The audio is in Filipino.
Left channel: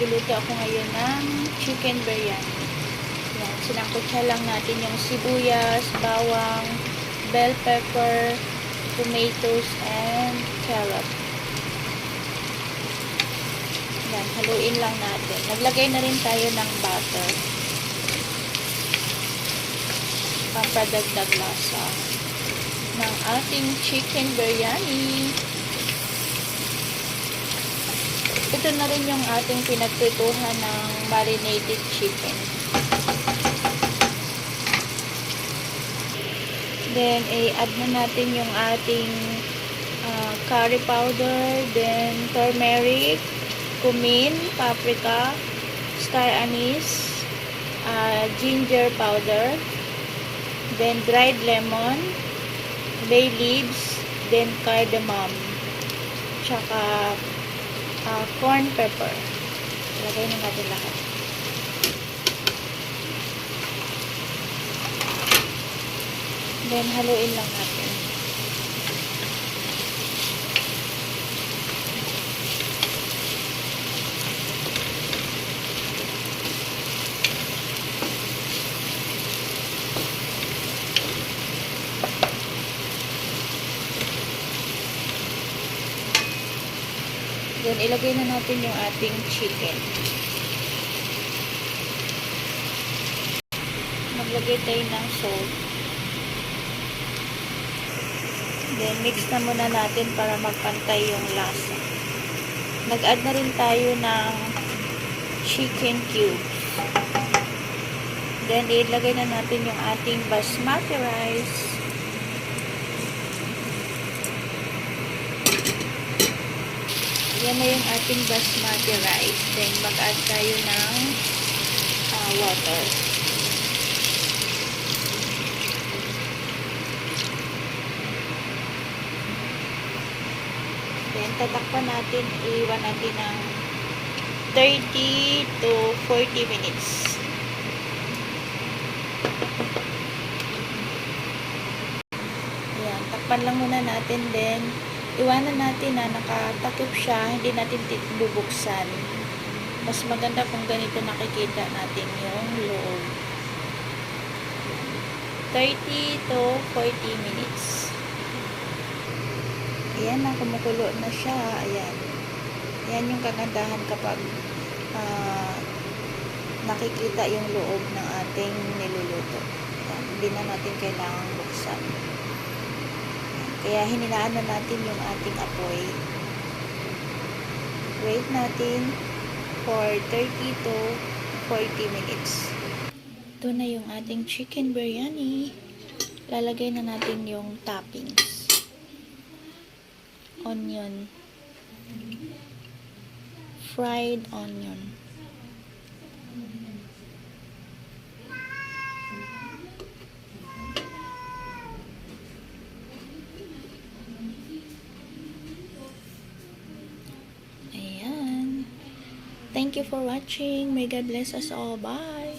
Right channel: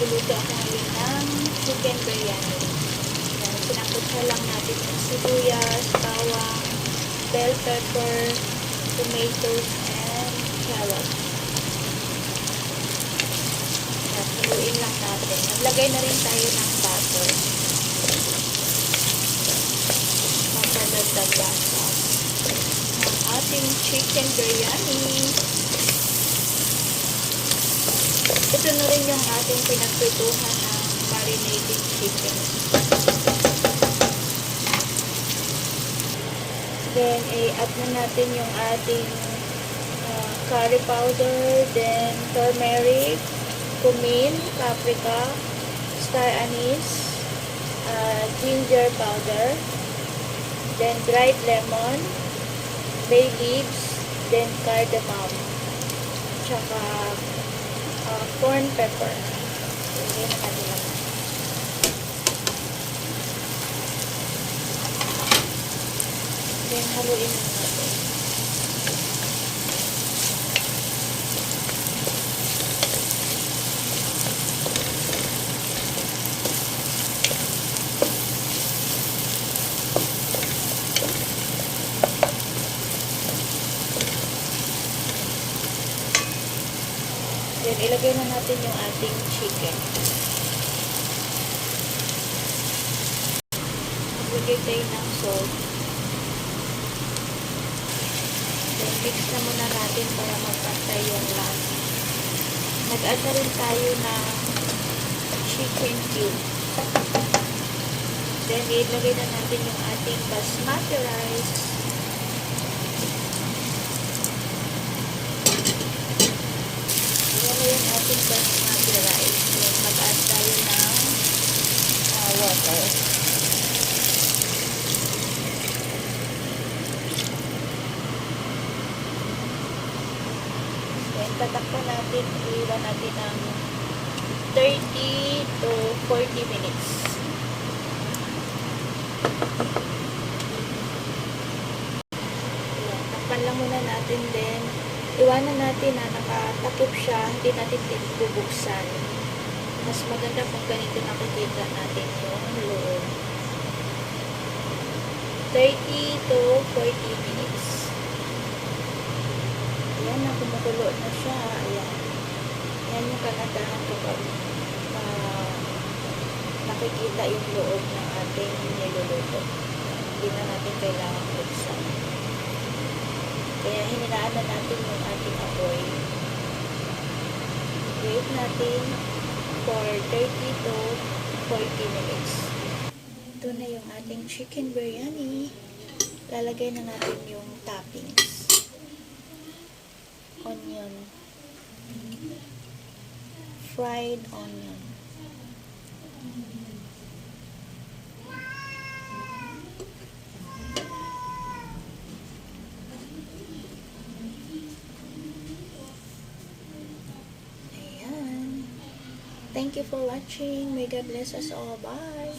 magluluto ako ngayon ng chicken biryani. Sinangkutsa lang natin yung sibuyas, bawang, bell pepper, tomatoes, and carrot. Yan, haluin lang natin. Naglagay na rin tayo ng butter. Papadagdag lasa ng ating chicken biryani. Ito na rin yung ating pinagprituhan ng marinated chicken. Then, i-add na natin yung ating curry powder, then turmeric, cumin, paprika, star anise, ginger powder, then dried lemon, bay leaves, then cardamom, tsaka corn pepper. Lagay na natin lahat. Then, haluin lang natin. Then, ilagay na natin yung ating chicken. Maglagay tayo ng salt. Then, mix na muna natin para magpantay yung lasa. Nag-add na rin tayo ng chicken cube. Then, ilagay na natin yung ating basmati rice. Yan na yung ating basmati rice. Then, mag-add tayo ng water. Then, tatakpan natin, iwan natin ng 30 to 40 minutes. Yan, takpan lang muna natin, then iwanan natin na nakatakip siya, hindi natin bubuksan. Mas maganda kung ganito nakikita natin yung loob. 30 to 40 minutes. Ayan na, kumukulo na siya. Ayan. Ayan yung kagandahan kapag nakikita yung loob ng ating niluluto. Ayan, hindi na natin kailangan buksan. Kaya hininaan na natin yung ating apoy. Wait natin for 30 to 40 minutes. Ito na yung ating chicken biryani. Lalagay na natin yung toppings. Onion. Fried onion. Ayan. Thank you for watching. May God bless us all. Bye.